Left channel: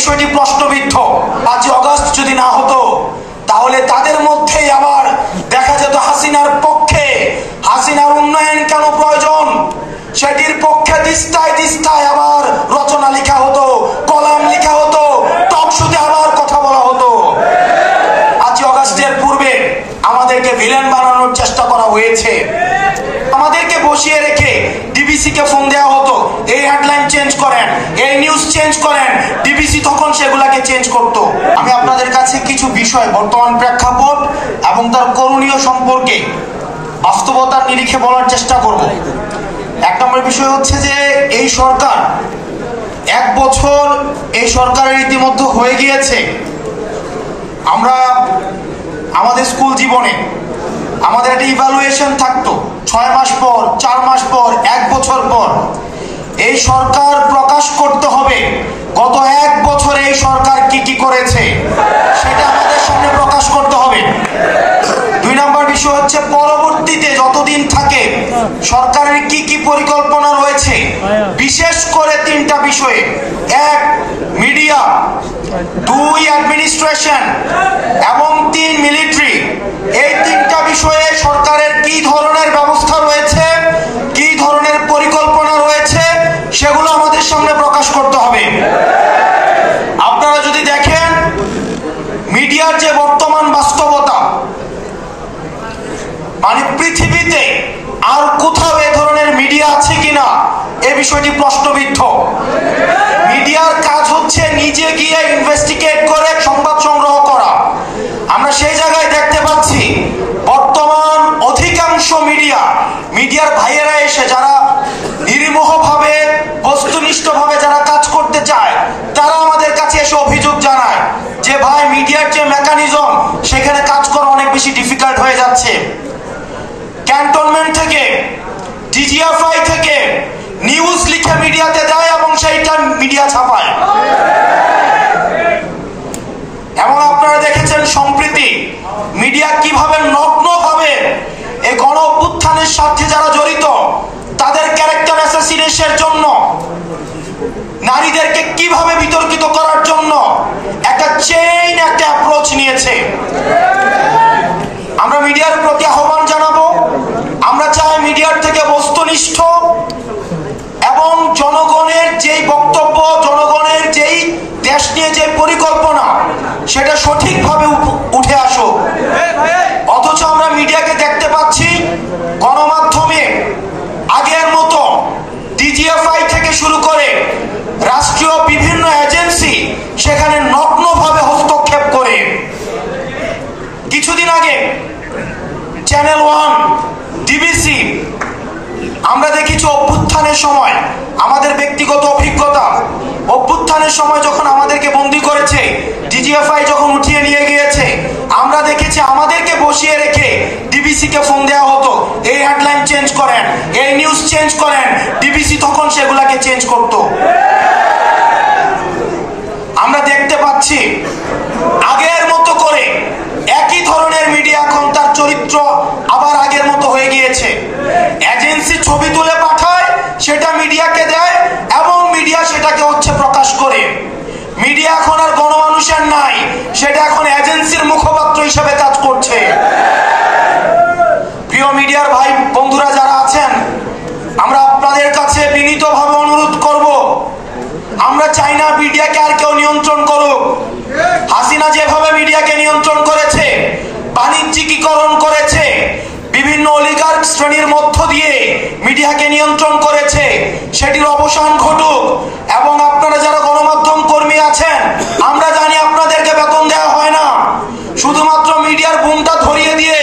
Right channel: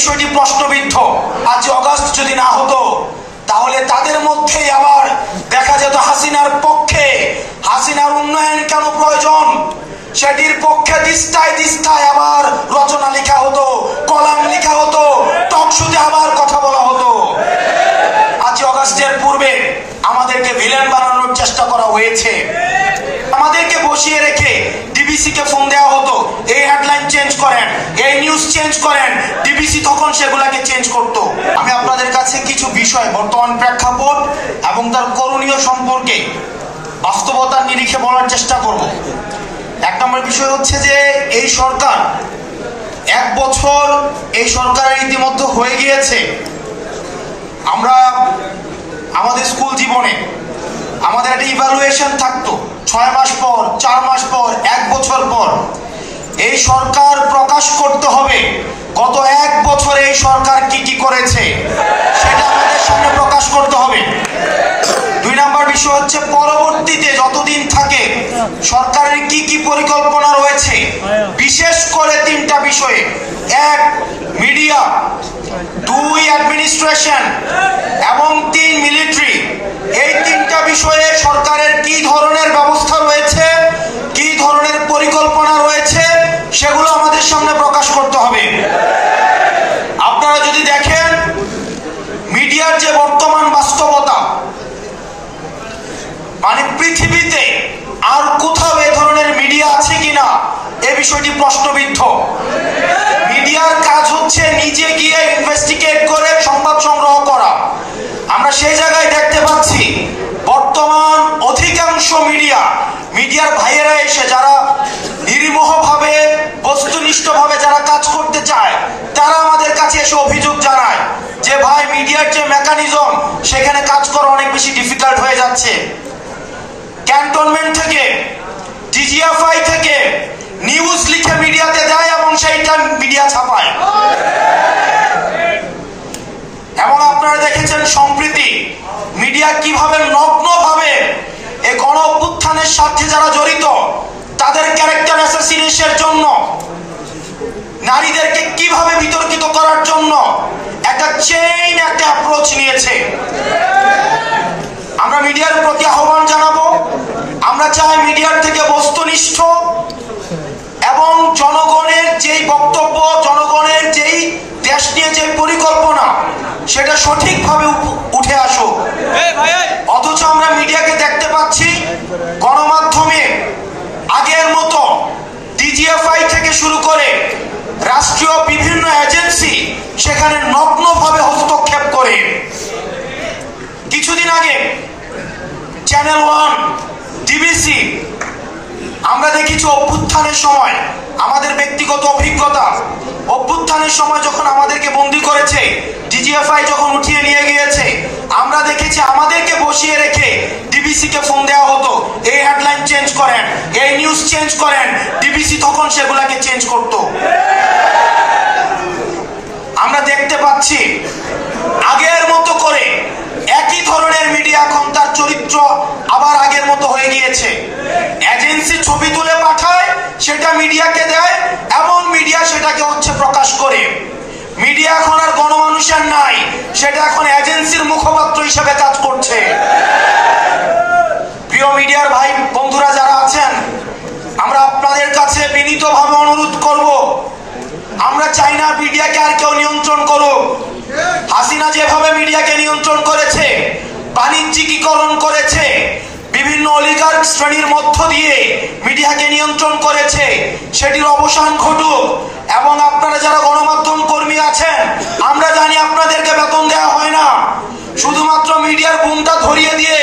বিষয়টি প্রশ্নবিদ্ধ। 5 আগস্ট যদি না হতো তাহলে তাদের মধ্যেই আবার দেখা যেত হাসিনার পক্ষে, হাসিনার উন্নয়ন কেন প্রয়োজন সেটির পক্ষে দিস্তায় দিস্তায় আবার রচনা লেখা হতো, কলাম লেখা হতো, টকশোতে আবার কথা বলা হতো। 5 আগস্টের পূর্বে আমাদেরকে ভিলেন বানানোর চেষ্টা করা হয়েছে। আমাদেরকে বসিয়ে রেখে ডিবিসি কে ফোন দেওয়া হতো, এই হেডলাইন চেঞ্জ করেন, এই নিউজ চেঞ্জ করেন, ডিবিসি তখন সেগুলাকে চেঞ্জ করত। আমি আপনাদের কাছে কিছু বিষয় বর্তমান প্রেক্ষাপট এবং তার করণীয় সম্পর্কে বাস্তবতার নিরিখে বলার চেষ্টা করব। 1 নম্বর বিষয় হচ্ছে যে এই সরকার 1 বছর এই সরকারের ইতিমধ্যে হয়ে গিয়েছে। আমরা আমাদের স্কুল জীবনে আমাদের একটা ইভালুয়েশন থাকতো 6 মাস পর, 4 মাস পর, 1 বছর পর। এই সরকার প্রকাশ করতে হবে গত 1 বছরে এই সরকার কি কি করেছে সেটা আমাদের সামনে প্রকাশ করতে হবে। 2 নম্বর বিষয় হচ্ছে পরবর্তীতে যতদিন থাকে সরকারের কি কি পরিকল্পনা রয়েছে, বিশেষ করে 3টা বিষয়ে। 1 মিডিয়া, 2 অ্যাডমিনিস্ট্রেশন এবং 3 মিলিটারি। এই 3টা বিষয়ে সরকারের কি ধরনের ব্যবস্থা রয়েছে, কি ধরনের পরিকল্পনা রয়েছে সেগুলো আমাদের সামনে প্রকাশ করতে হবে। আপনারা যদি দেখেন মিডিয়ার যে বর্তমান বাস্তবতা, মানে পৃথিবীতে আর কোথাও এই ধরনের মিডিয়া আছে কিনা এই বিষয়টি প্রশ্নবিদ্ধ। মিডিয়ার কাজ হচ্ছে নিজে গিয়ে ইনভেস্টিগেট করে সংবাদ সংগ্রহ করা। আমরা সেই জায়গায় দেখতে পাচ্ছি বর্তমান অধিকাংশ মিডিয়ার ভাইয়েরা এসে যারা নির্মোহভাবে বস্তুনিষ্ঠভাবে যারা কাজ করতে চায় তারা আমাদের কাছে এসে অভিযোগ জানায় যে ভাই মিডিয়ার যে মেকানিজম সেখানে কাজ করা অনেক বেশি ডিফিকাল্ট হয়ে যাচ্ছে। ক্যান্টনমেন্ট থেকে, ডিজিএফআই থেকে নিউজ লিখে মিডিয়াতে দেয় এবং সেইটা মিডিয়া ছাপায়। এমন আপনারা দেখেছেন সম্প্রতি মিডিয়া কিভাবে নগ্নভাবে এই গণ অভ্যুত্থানের সাথে যারা জড়িত তাদের ক্যারেক্টার অ্যাসাসিনেশনের জন্য, নারীদেরকে কিভাবে বিতর্কিত করার জন্য একটা চেইন, একটা অ্যাপ্রোচ নিয়েছে। আমরা মিডিয়ার প্রতি আহ্বান জানাবো। আমরা চাই মিডিয়ার থেকে বস্তুনিষ্ঠ এবং জনগণের যেই বক্তব্য, জনগণের যেই দেশ নিয়ে যে পরিকল্পনা সেটা সঠিকভাবে উঠে আসুক। অথচ আমরা মিডিয়াকে দেখতে পাচ্ছি গণমাধ্যমে আগের মতো ডিজিএফআই থেকে শুরু করে রাষ্ট্রীয় বিভিন্ন এজেন্সি সেখানে নগ্নভাবে হস্তক্ষেপ করে। কিছুদিন আগে চ্যানেল 1, ডিবিসি আমরা দেখেছি অভ্যুত্থানের সময় আমাদের ব্যক্তিগত অভিজ্ঞতা, অভ্যুত্থানের সময় যখন আমাদেরকে বন্দী করেছে, ডিজিএফআই যখন উঠিয়ে নিয়ে গিয়েছে, আমরা দেখেছি আমাদেরকে বসিয়ে রেখে ডিবিসি কে ফোন দেওয়া হতো, এই হেডলাইন চেঞ্জ করেন, এই নিউজ চেঞ্জ করেন, ডিবিসি তখন সেগুলাকে চেঞ্জ করত। আমরা দেখতে পাচ্ছি আগের মতো করে একই ধরনের মিডিয়া এখন তার চরিত্র আবার আগের মতো হয়ে গিয়েছে। এজেন্সি ছবি তুলে পাঠায়, সেটা মিডিয়াকে দেয় এবং মিডিয়া সেটাকে প্রকাশ করে। মিডিয়া এখন আর গণমানুষের নাই, সেটা এখন এজেন্সির মুখপাত্র হিসেবে কাজ করছে। প্রিয় মিডিয়ার ভাই বন্ধুরা যারা আছেন, আমরা আপনাদের কাছে বিনীতভাবে অনুরোধ করব, আমরা চাই না মিডিয়াকে আর কেউ নিয়ন্ত্রণ করুক। হাসিনা যেভাবে মিডিয়াকে নিয়ন্ত্রণ করেছে, বাণিজ্যিকীকরণ করেছে, বিভিন্ন অলিগার্ক শ্রেণীর মধ্য দিয়ে মিডিয়াকে নিয়ন্ত্রণ করেছে, সেটির অবসান ঘটুক। এবং আপনারা যারা গণমাধ্যম কর্মী আছেন, আমরা জানি আপনাদেরকে বেতন দেওয়া হয় না, শুধুমাত্র মিডিয়ার বুমটা ধরিয়ে দিয়ে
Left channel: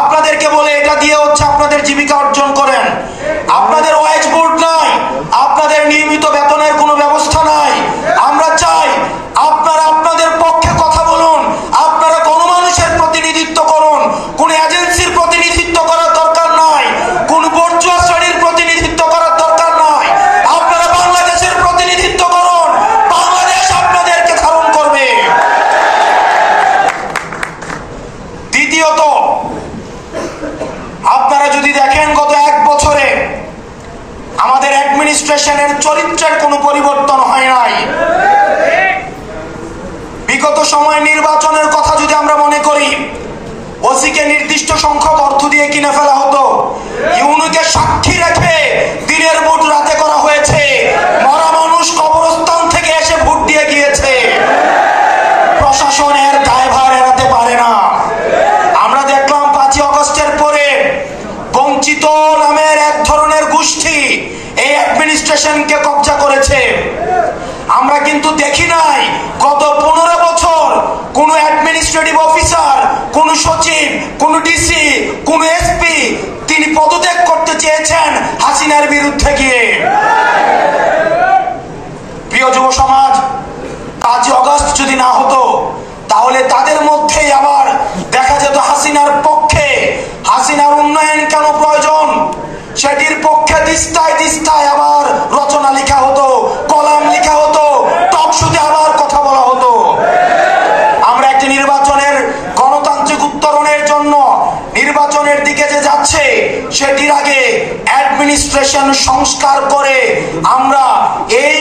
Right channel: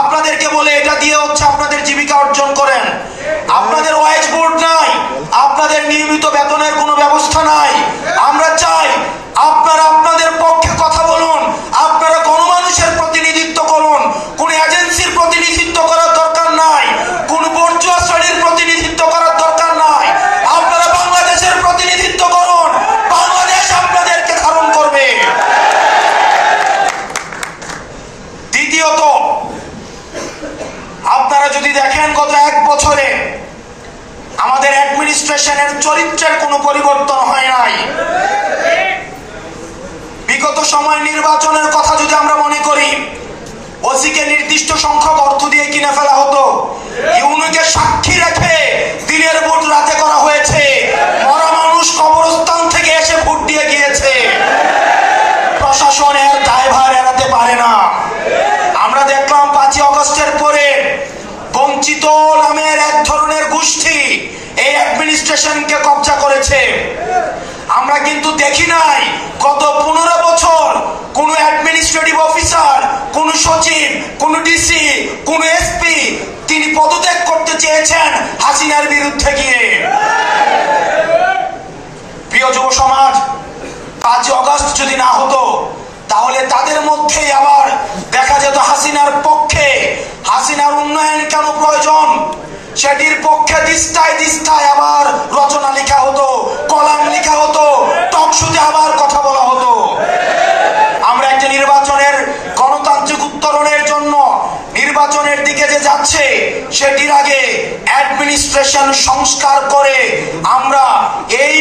আপনাদেরকে বলে এটা দিয়ে আপনাদের জীবিকা অর্জন করেন। আপনাদের ওয়াইজ বোর্ড নাই, আপনাদের নিয়মিত বেতনের কোনো ব্যবস্থা নাই। আমরা চাই আপনারা আপনাদের পক্ষে কথা বলুন, আপনারা গণমানুষের প্রতিনিধিত্ব করুন। কোন এজেন্সির প্রতিনিধিত্ব করার দরকার নাই, কোন বর্জুয়া শ্রেণীর প্রতিনিধিত্ব করার দরকার নাই। আপনারা বাংলাদেশের প্রতিনিধিত্ব করুন, বাংলাদেশ আপনাদেরকে ধারণ করবে। দ্বিতীয়ত, আপনারা যদি দেখেন গত 1 বছরে আমাদের অ্যাডমিনিস্ট্রেশনের চরিত্রের কোনো পরিবর্তন হয় নাই। সময় নির্বাচনের কথা যদি আমরা মনে করি, ওসিকে নির্দিষ্ট সংখ্যক অর্থ দিয়ে কিনে ফেলা হতো, ইউনুকে সাক্ষী রেখে দিনের ভোট রাতে করা হয়েছে, মরা মানুষ কবরস্থান থেকে এসে ভোট দিয়ে গিয়েছে। প্রশাসনের দায়ভার এড়াতে পারে না। আমরা দেখলাম 5ই আগস্টের পরে বঞ্চিত নামের এক ধরনের গোষ্ঠী এই অ্যাডমিনিস্ট্রেশনকে কবজা করেছে। আমরা কিন্তু দেখি নাই গত 15 বছর কোন অ্যাডমিনিস্ট্রেটিভ অফিসার, কোন সচিব, কোন ডিসি, কোন এসপি তিনি পদত্যাগ করতে চেয়েছেন হাসিনার বিরুদ্ধে গিয়ে। প্রিয় যুব সমাজ, 5ই আগস্ট যদি না হতো তাহলে তাদের মধ্যেই আবার দেখা যেত হাসিনার পক্ষে, হাসিনার উন্নয়ন কেন প্রয়োজন সেটির পক্ষে দিস্তায় দিস্তায় আবার রচনা লেখা হতো, কলাম লেখা হতো, টকশোতে আবার কথা বলা হতো। আমরা একটা নির্বাচনের গণতান্ত্রিক উত্তরণের জন্য নির্বাচনের দিকে যে যাচ্ছে সেটির আগে অ্যাডমিনিস্ট্রেশন সংস্কার করে আমরা এই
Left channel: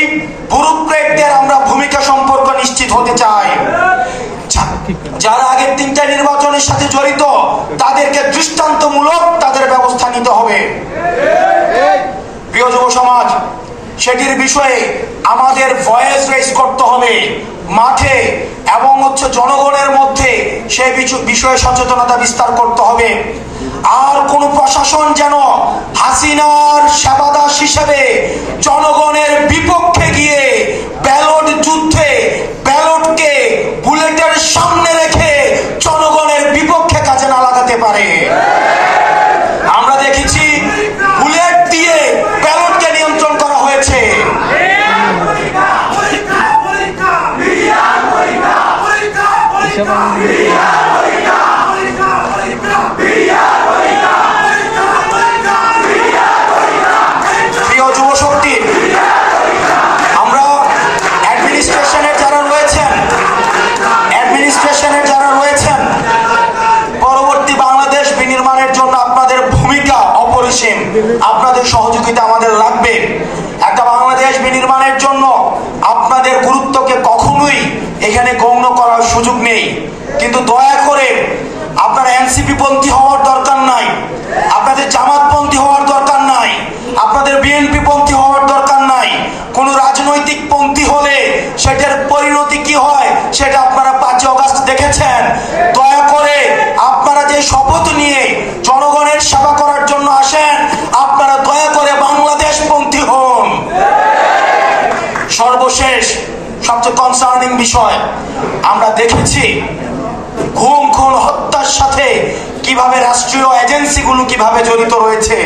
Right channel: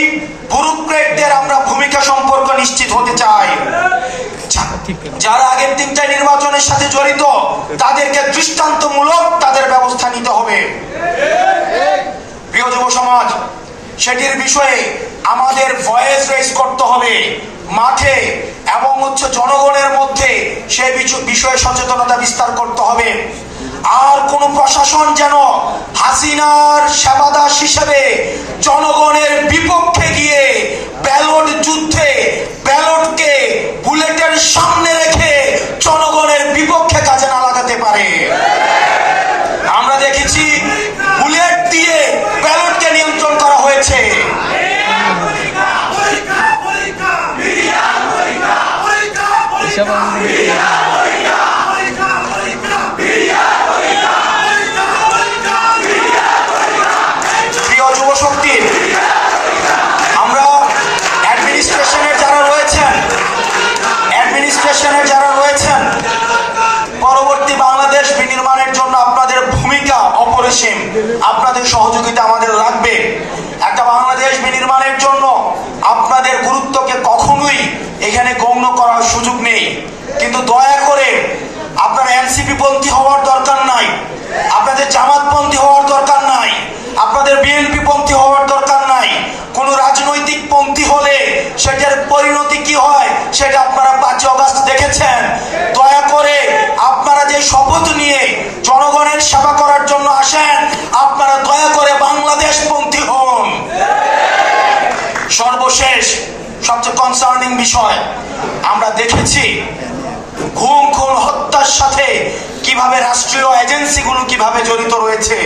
ব্যুরোক্রেটদের আমরা ভূমিকা সম্পর্ক নিশ্চিত হতে চাই। যারা আগের 3টা নির্বাচনের সাথে জড়িত তাদেরকে দৃষ্টান্তমূলক তাদের ব্যবস্থা নিতে হবে। প্রিয় যুব সমাজ, সেটির বিষয়ে আমাদের ভয়েস রেজ করতে হবে মাঠে এবং জনগণের মধ্যে সেই বিষয়ে সচেতনতা বিস্তার করতে হবে। আর কোন প্রশাসন যেন হাসিনার সেবাদাস হিসেবে জনগণের বিপক্ষে গিয়ে ব্যালট যুদ্ধে ব্যালটকে বুলেটের সামনে রেখে জনগণের বিপক্ষে কাজে না লাগাতে পারে। আমরা দেখেছি বুলেট দিয়ে ব্যালটকে নিয়ন্ত্রণ করা হয়েছে। প্রিয় যুব শক্তি, আমরা অ্যাডমিনিস্ট্রেশনের যারা রয়েছেন পরবর্তী বাংলাদেশ বিনির্মাণের জন্য আপনাদের ভূমিকা অপরিসীম, আপনাদের সহযোগিতা আমাদের লাগবে। একটা বাংলাদেশ বিনির্মাণের জন্য আপনাদের গুরুত্বকে কখনোই এখানে গণ্য করার সুযোগ নেই। কিন্তু দয়া করে আপনারা এনসিপি পন্থী হওয়ার দরকার নাই, আপনাদের জামাতপন্থী হওয়ার দরকার নাই, আপনাদের বিএনপি পন্থী হওয়ার দরকার নাই। কোন রাজনৈতিক পন্থী হলে সেটার পরিণতি কি হয় সেটা আপনারা 5ই আগস্ট দেখেছেন। দয়া করে আপনারা যে শপথ নিয়ে জনগণের সেবা করার জন্য আসেন, আপনারা দয়া করে বাংলাদেশ পন্থী হন। সর্বশেষ সবচেয়ে কনসার্নিং বিষয়, আমরা দেখেছি খুন হত্যার সাথে কিভাবে রাষ্ট্রীয় এজেন্সিগুলো কিভাবে জড়িত রয়েছে।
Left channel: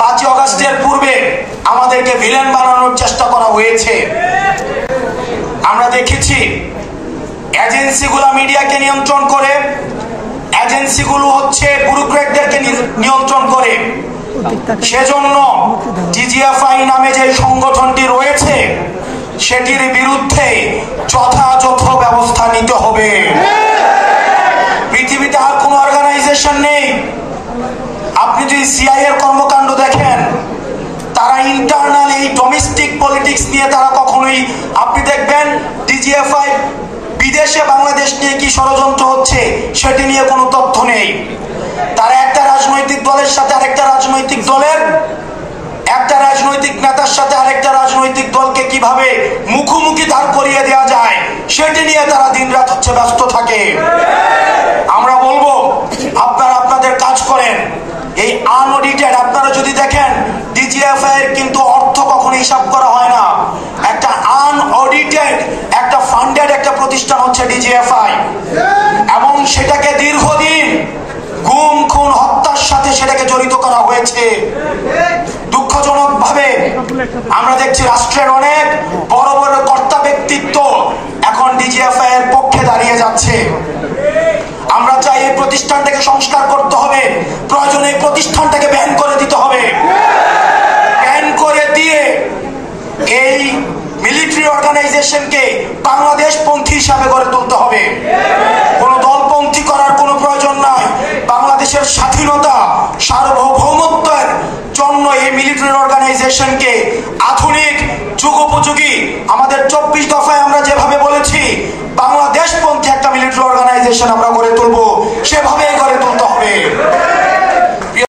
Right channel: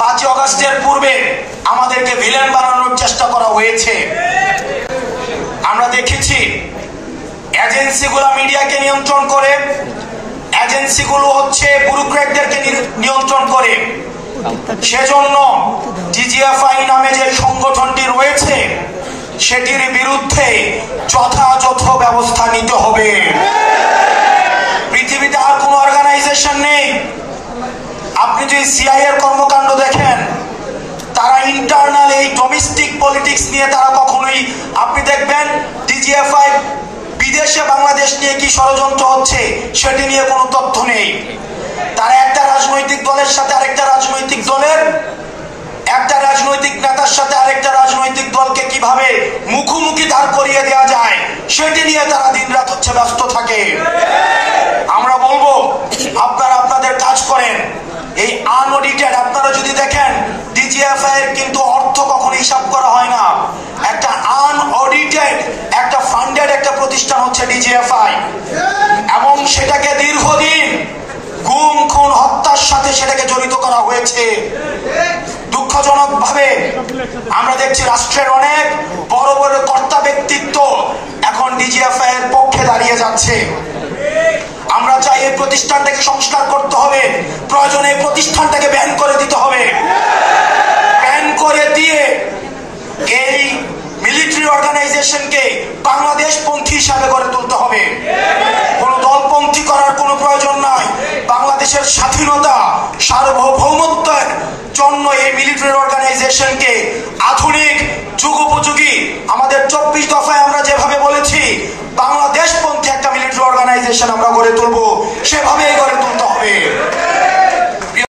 5ই আগস্টের পূর্বে আমাদেরকে ভিলেন বানানোর চেষ্টা করা হয়েছে। আমরা দেখেছি এজেন্সিগুলো মিডিয়াকে নিয়ন্ত্রণ করে, এজেন্সিগুলো ব্যুরোক্রেটদেরকে নিয়ন্ত্রণ করে। সেজন্য ডিজিএফআই নামে যে সংগঠনটি রয়েছে সেটির বিরুদ্ধে যথাযথ ব্যবস্থা নিতে হবে। পৃথিবীতে আর কোন অর্গানাইজেশন নেই। আপনি যদি সিআইএ এর কর্মকাণ্ড দেখেন, তারা ইন্টারনাল এই ডোমেস্টিক পলিটিক্স নিয়ে তারা কখনোই, আপনি দেখবেন ডিজিএফআই বিদেশে বাংলাদেশ নিয়ে কি ষড়যন্ত্র হচ্ছে সেটি নিয়ে কোনো তথ্য নেই। তারা একটা রাজনৈতিক দলের সাথে আরেকটা রাজনৈতিক দলের, একটা রাজনৈতিক নেতার সাথে আরেকটা রাজনৈতিক দলকে কিভাবে মুখোমুখি দাঁড় করিয়ে দেওয়া যায় সেটি নিয়ে তারা দিনরাত ব্যস্ত থাকে। আমরা বলবো আপনারা আপনাদের কাজ করেন। এই আনঅডিটেড, আপনারা যদি দেখেন ডিজিএফআই এর কিন্তু অর্থ কখনো হিসাব করা হয় না। একটা আনঅডিটেড একটা ফান্ডেড একটা প্রতিষ্ঠান হচ্ছে ডিজিএফআই, এবং সেটাকে দীর্ঘদিন গুম খুন হত্যার সাথে সেটাকে জড়িত করা হয়েছে। দুঃখজনক ভাবে আমরা দেখছি রাষ্ট্রের অনেক বড় বড় কর্তা ব্যক্তিত্ব এখন ডিজিএফআই এর পক্ষে দাঁড়িয়ে যাচ্ছে। আমরা চাই এই প্রতিষ্ঠানটাকে সংস্কার করতে হবে, প্রয়োজনে এই প্রতিষ্ঠানটাকে ব্যান করে দিতে হবে। ব্যান করে দিয়ে এই মিলিটারি অর্গানাইজেশনকে বাংলাদেশ পন্থী হিসাবে গড়ে তুলতে হবে। কোন দলপন্থী করার কোনো প্রয়োজন নাই। বাংলাদেশের স্বাধীনতা সার্বভৌমত্বের জন্য এই মিলিটারি অর্গানাইজেশনকে আধুনিক যুগোপযোগী আমাদের 24 দফায় আমরা যেভাবে বলেছি বাংলা বাংলাদেশের আমরা গড়ে তুলবো, সেভাবেই গড়ে তুলতে হবে।